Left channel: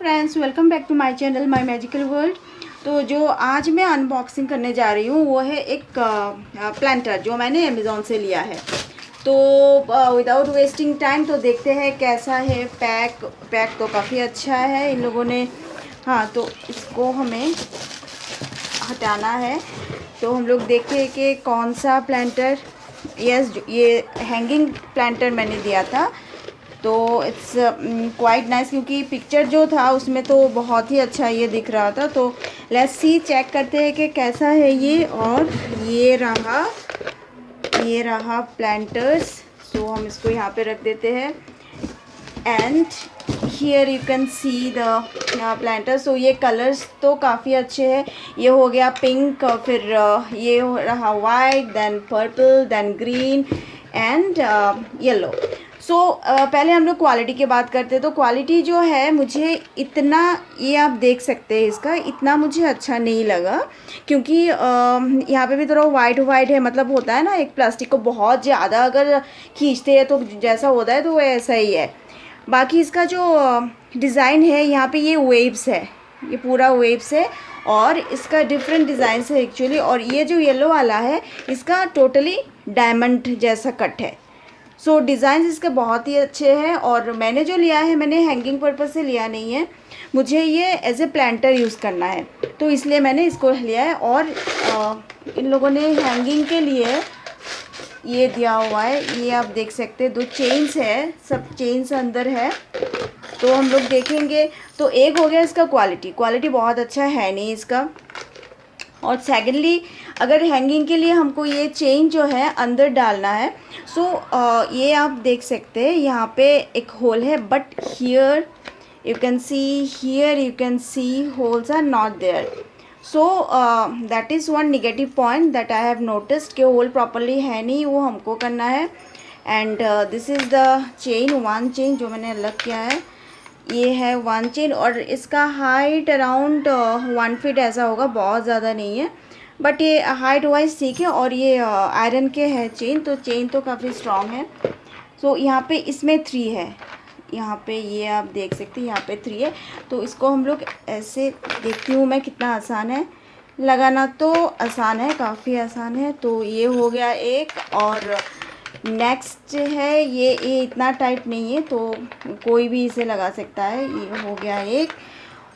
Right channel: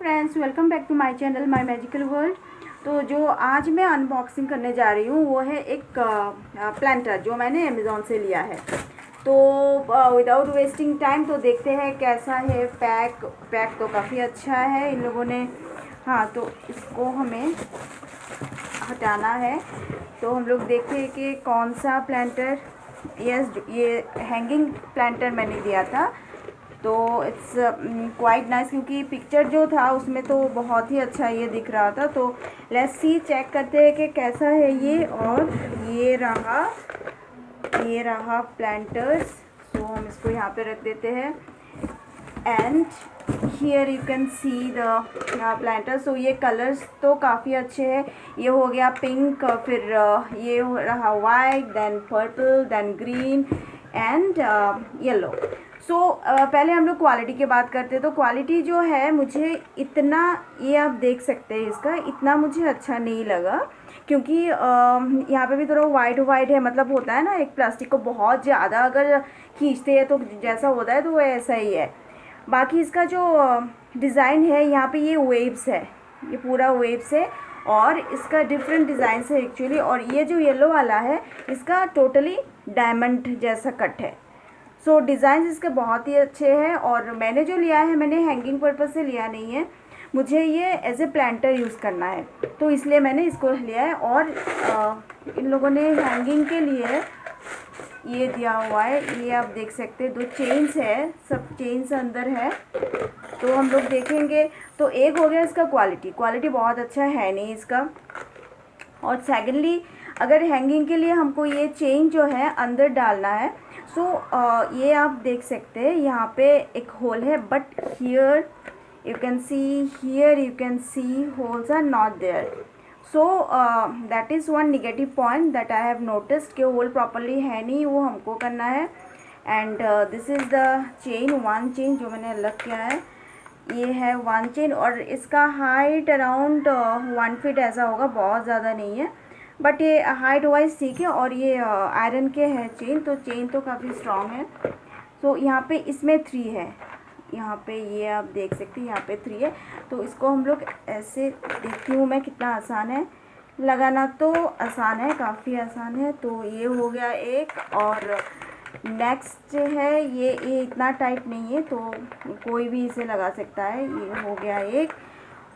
Friends, welcome back to my channel my magical world. तो जो आज मैं अनबॉक्सिंग करने जा रही हूँ वो है एक प्लांटर जो मैंने अमेज़ॉन से लिया है। तो विदाउट वेस्टिंग टाइम तो देखते हैं कैसा है। पैक तो काफ़ी अच्छा है इन लोगों ने। हाँ, तो इसको हमें हटाना है। तो हम लोग देखें कि कौन सा प्लांटर। यस, ये हैंगिंग प्लांटर मैंने दिया था। तो इट्स क्वाइट नाइस, क्योंकि पिक्चर जो था उसमें तो बहुत ही अच्छा ये दिख रहा था। तो लेट्स सी, चेक करते हैं कि कैसा है ये। और ये रहा प्लांटर्स। सो हम इसको यहाँ पे रख देते हैं। And here you can see the planter. So ये कलर्स तो काफ़ी अच्छे हैं। ये हो गया पिंक, फिर ये हो रहा white, then purple, then green and yellow. So पहले हम लोग क्वालिटी की बात करते हैं। तो क्वालिटी जो है मुझे इतना, ये आप देख सकते हैं, इसका इतना मुझे अच्छा नहीं लगा, क्योंकि यहाँ पे भी थोड़ा वाइट वाइट है। मतलब होता है ना, एक प्लास्टिक को बहुत ज़्यादा अगर खींचते हैं तो जैसा होता है तो वो ऐसा ही है। बाकी इसका जो डिज़ाइन है यहाँ पे, ये वेव्स है, ये पूरा वेव्स है। और इसका डिफरेंट डिज़ाइन है एक्चुअली। और ये जो येलो वाला है इसका टोटली डायमंड जैसा कट है। सो डिज़ाइन इसके बहुत ही अच्छे हैं। और मैंने जो लिया है, मैंने हैंगिंग पर्पज़ से लिया नहीं है, मुझे ये एज ए प्लांटर यूज़ करना है, तो इसलिए मैंने इसको लिया है। और इन लोगों ने हैंगिंग के लिए ये दिया हुआ है, ये आप देख सकते हैं। 2 चेन्स है, सब चेन्स अंदर है। तो हम लोग देखेंगे। तो एक हो गया इसका क्वालिटी बहुत अच्छा है नहीं इसका। और सेकेंडली, अगर हैंगिंग के लिए हमको ये चेन जो है अंदर डालना है। सो ये आप देख सकते हैं, यहाँ पे एक होल है, but here you can see holes are not there. So that is one negative point that I have noticed, कि होल प्रॉपरली है नहीं, वो हमको करना है। And this is the chain, 1 chain जो मैंने अलग किया है। ये है 1 चेन और इसका हाइट अराउंड 1 फीट ऐसा होगा, बहुत ज़्यादा नहीं है, बट ये हाइट वाइज ठीक है। और ये आयरन के है चेन, तो चेन तो काफ़ी स्ट्रॉन्ग है। सो यहाँ पे इसमें 3 है, यहाँ पे ये आप देख सकते हैं, यहाँ पे 3 है। तो इसको हम लोग ऐसे, देखती हूँ मैं कितना आसान है लगाना। तो आसान है, काफ़ी आसान है। तो ये हो गया एक। और नेक्स्ट है ये इतना टाइट नहीं है, तो कोई भी इसे लगा सकता है। ये हो गया एक।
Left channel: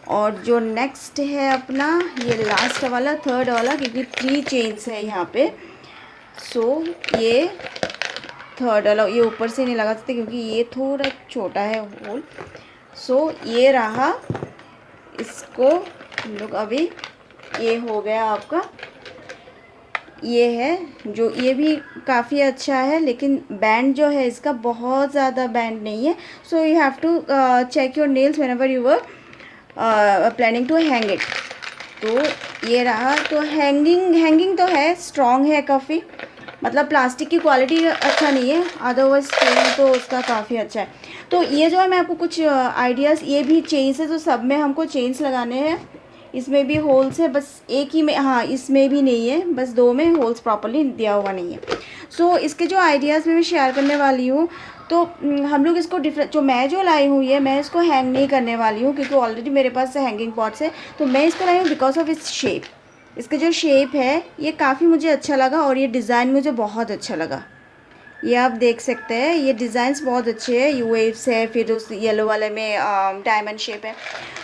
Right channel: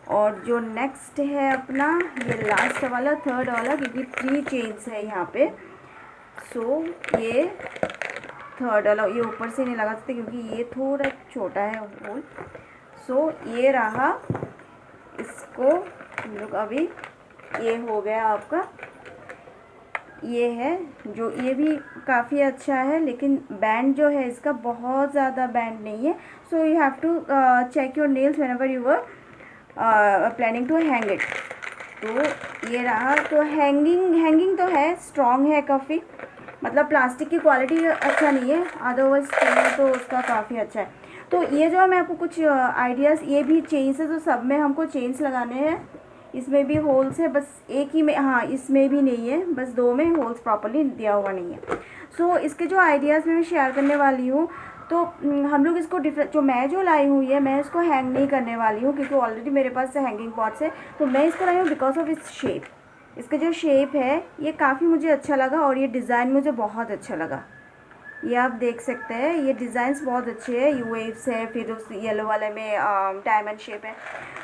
और जो नेक्स्ट है अपना, ये लास्ट वाला, थर्ड वाला, क्योंकि 3 चेन्स है यहाँ पे। सो ये थर्ड वाला, ये ऊपर से नहीं लगा सकते क्योंकि ये थोड़ा छोटा है होल। सो ये रहा, इसको हम लोग अभी, ये हो गया आपका। ये है जो, ये भी काफ़ी अच्छा है, लेकिन बैंड जो है इसका बहुत ज़्यादा बैंड नहीं है। So you have to check your nails whenever you were planning to hang it. तो ये रहा। तो हैंगिंग तो है, स्ट्रॉन्ग है काफ़ी। मतलब प्लास्टिक की क्वालिटी अच्छा नहीं है, अदरवाइज चेन तो उसका काफ़ी अच्छा है। तो ये जो है, मैं आपको कुछ आइडियाज़, ये भी चेन्स है, तो सब में हमको चेन्स लगाने हैं। इसमें भी होल्स है, बस एक ही में, हाँ इसमें भी नहीं है, बस 2 में होल्स प्रॉपर्ली दिया हुआ नहीं है। सो इसके जो आइडियाज़ मैं शेयर करने वाली हूँ। तो हम लोग इसको डिफरेंट, जो लाई हूँ, ये मैं इसको हैंग नहीं करने वाली हूँ, क्योंकि ऑलरेडी मेरे पास हैंगिंग पॉट्स है। तो मैं इसको लाई हूँ बिकॉज ऑफ इट्स शेप। इसका जो शेप है ये काफ़ी मुझे अच्छा लगा, और ये डिज़ाइन मुझे बहुत अच्छा लगा। ये आप देख सकते हैं, ये डिज़ाइंस बहुत अच्छे हैं। यू वेव्स है, फिर उस येलो वाले में डायमंड शेप है।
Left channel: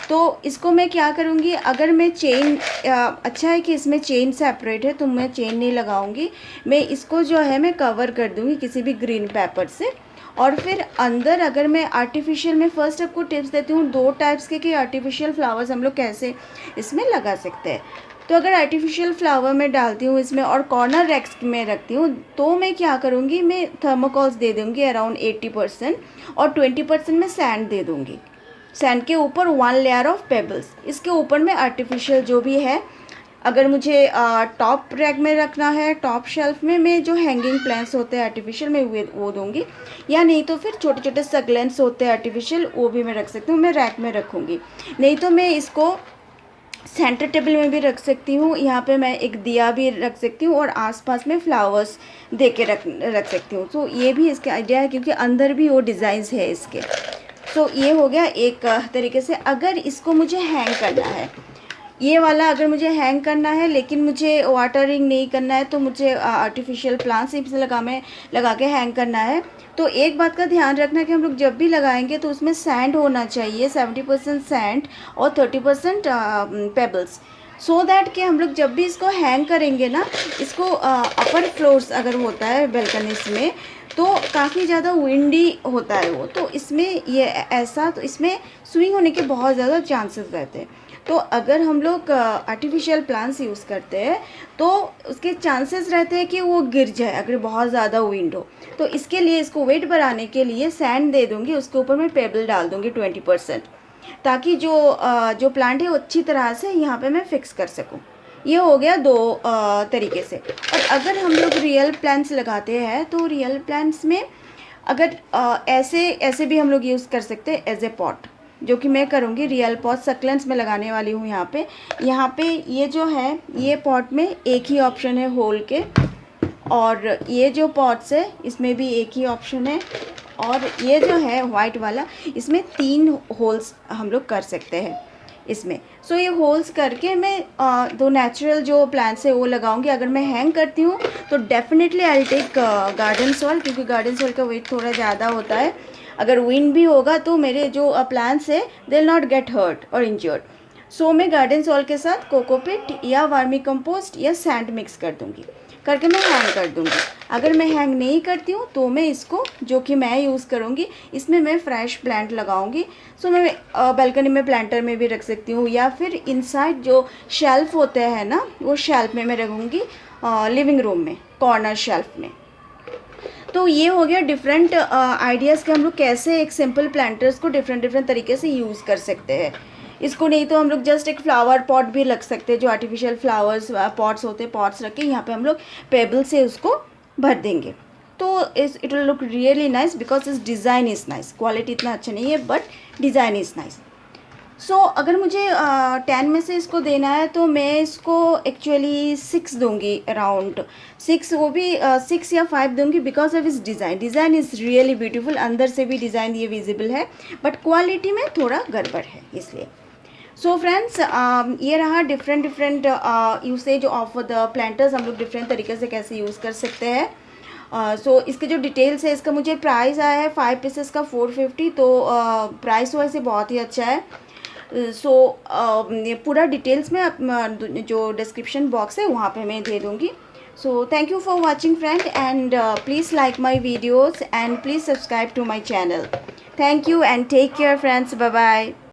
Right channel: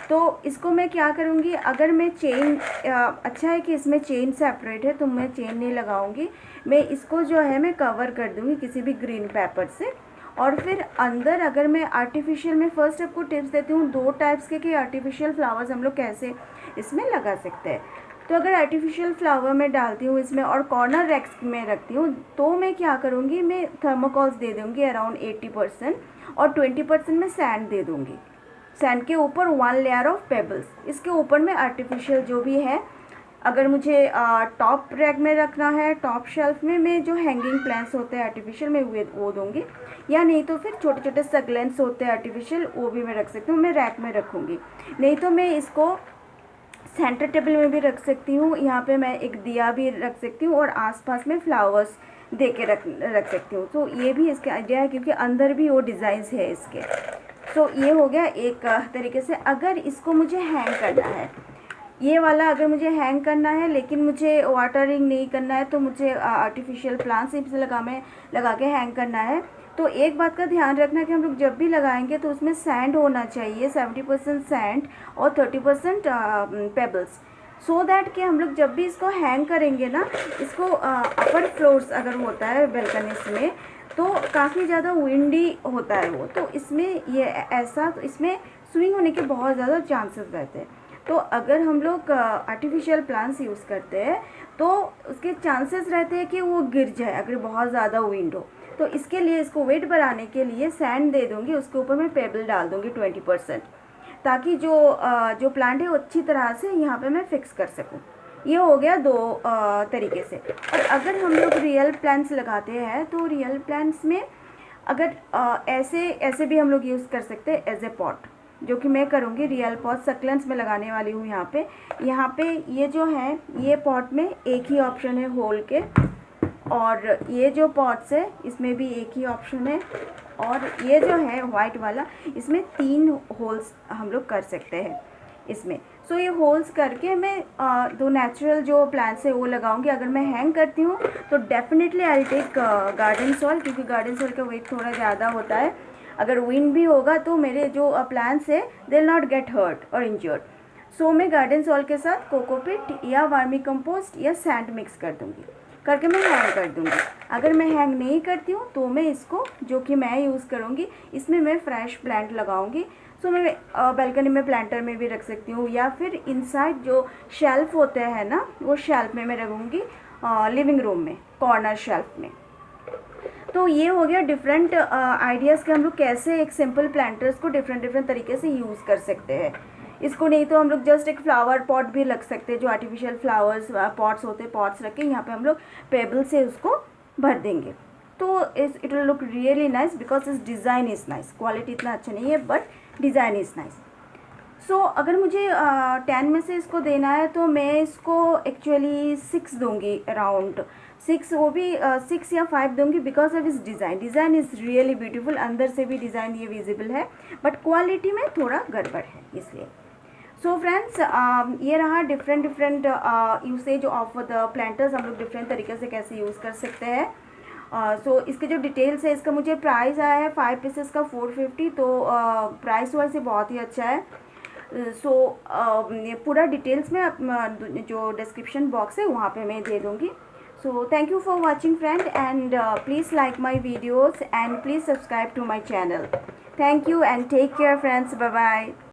तो इसको मैं क्या करूँगी, अगर मैं चेन, अच्छा है कि इसमें चेन सेपरेट है, तो मैं चेन नहीं लगाऊंगी। मैं इसको जो है मैं कवर कर दूँगी किसी भी ग्रीन पेपर से। और फिर अंदर, अगर मैं आर्टिफिशियल में, फर्स्ट आपको टिप्स देती हूँ 2 टाइप्स के, कि आर्टिफिशियल फ्लावर्स हम लोग कैसे इसमें लगा सकते हैं। तो अगर आर्टिफिशियल फ्लावर में डालती हूँ इसमें, और कॉर्नर रैक्स में रखती हूँ, तो मैं क्या करूँगी, मैं थर्मोकॉल्स दे दूँगी अराउंड 80%, और 20% में सैंड दे दूँगी। सैंड के ऊपर 1 लेयर ऑफ पेबल्स, इसके ऊपर में आर्टिफिशियल जो भी है। अगर मुझे टॉप रैक में रखना है, टॉप शेल्फ में, मैं जो हैंगिंग प्लांट्स होते हैं आर्टिफिशियल में वो दूंगी। या नहीं तो फिर छोटे छोटे सगलेंट्स होते हैं आर्टिफिशियल, वो भी मैं रख सकती हूँ, मैं रैक में रखूँगी। नहीं तो मैं इसको सेंटर टेबल में भी रख सकती हूँ। यहाँ पे मैं एक दिया भी रख सकती हूँ, और आसपास में फ्लावर्स दे के रख सकती हूँ। तो ये भी इसका आइडिया है, क्योंकि अंदर भी वो डिज़ाइंस है इसके। सो ये हो गया एक तरीके से। अगर इसको मुझे हैंग करना है, ये वाला अगर मुझे हैंग करना है लेकिन मुझे वाटरिंग नहीं करना है, तो मुझे आर्टिफिशियल प्लांट्स इसे लगा के हैंग करना है, तो एक बात का ध्यान रखना कि हम लोग जब भी लगाएंगे तो उसमें सैंड होना चाहिए, 70% सैंड और 30% पेबल्स, सो दैट कि हम लोग जब भी इसको हैंग करेंगे ना, इसको अपर फ्लोर्स अगर होता है बेल्कनीज में तो काफ़ी ज़्यादा विंडी होता है वो, तो इसमें ये ऐसा, तो इसमें स्विंग होने के बहुत ज़्यादा चांसेस रहते हैं। तो अगर हम लोग आर्टिफिशियल प्लांट्स यूज़ करते हैं तो उसके चांसेस रहते हैं कि वो गिर जाए अगर बहुत ज़्यादा विंड हो। तो इसके लिए इसको वेट बढ़ाने के लिए सैंड दे दूँगी, उसके ऊपर मैं पेबल डाल दूँगी 20%, ताकि जो प्लांट है वो अच्छी तरह से यहाँ पे मैं फिक्स कर सकूँ। ये हो गया दो तरीके से। और अगर हम लोग रियल प्लांट्स लगाते हैं तो रियल प्लांट्स में अगर ऐसे भी हम लोग यूज़ कर सकते हैं एज ए पॉट, जो कि मैं करूँगी। रियल पॉट सक्लेंट्स में लगाने वाली हूँ यहाँ पे ये जो है, ये पॉट में एक ही ऑप्शन है होल के, और ये जो पॉट्स है इसमें भी एक ही ऑप्शन है, और ये जो है वाइट वाला, इसमें 3 होल्स हम लोग कर सकते हैं इसमें। सो ये होल्स करके मैं दो नेचुरल जो प्लांट्स है वो लगाऊंगी। अगर मैं हैंग करती हूँ तो definitely I take garden soil, क्योंकि गार्डन सॉइल का वेट थोड़ा ज़्यादा होता है। अगर विंड भी होगा तो मेरे जो प्लांट्स है they will not get hurt और इंजर्ड। सो मैं गार्डन सॉइल के साथ कोकोपिट या वर्मी कंपोस्ट या सैंड मिक्स कर दूँगी, करके मैं हैंग कर दूँगी। अगर मैं हैंग नहीं करती हूँ तो मैं इसको, जो कि मैं यूज़ करूँगी, इसमें मैं फ्रेश प्लांट लगाऊंगी। सो मैं बालकनी में प्लांटर में भी रख सकती हूँ, या फिर इनसाइड जो शेल्फ होते हैं ना, वो शेल्फ में मैं रखूँगी, लिविंग रूम में कॉर्नर शेल्फ में। तो ये हो गया डिफरेंट आइडियाज़ के हम लोग कैसे एक सिंपल प्लांटर्स को डिफरेंट तरीके से यूज़ कर सकते हैं। इसको नहीं तो हम लोग जस्ट एक फ्लावर पॉट भी रख सकते हैं, जो आर्टिफिशियल फ्लावर्स पॉट्स होते हैं, पॉट्स रख के यहाँ पे हम लोग पेबल से उसको भर देंगे। तो it will look really nice because इस डिज़ाइन इज़ नाइस। क्वालिटी इतना अच्छा नहीं है बट डिज़ाइन इज़ नाइस। सो अगर मुझे 10 में से इसको देना है तो मैं इसको एक्चुअली 6 दूंगी, अराउंड 6, वो भी 6 या 5 दूंगी, बिकॉज ऑफ इस डिज़ाइन इज़ रियली ब्यूटीफुल। अंदर से भी डिज़ाइन ये विजिबल है बट क्वालिटी में थोड़ा गड़बड़ है इसलिए। सो फ्रेंड्स, ये रहा different usage of the planters, हम लोग डिफरेंट तरीके से कैसे यूज़ कर सकते हैं। सो इसके जो डिटेल्स है, इसका मुझे प्राइस आया है 5 पीसेस का 450, तो प्राइस वाइज से बहुत ही अच्छा है। सो ये पूरा डिटेल्स में जो डिस्क्रिप्शन बॉक्स है वहाँ पे मैं दे दूँगी। So thank you for watching friend, and please like my videos and please subscribe to my channel. Thank you and take care friends, bye bye.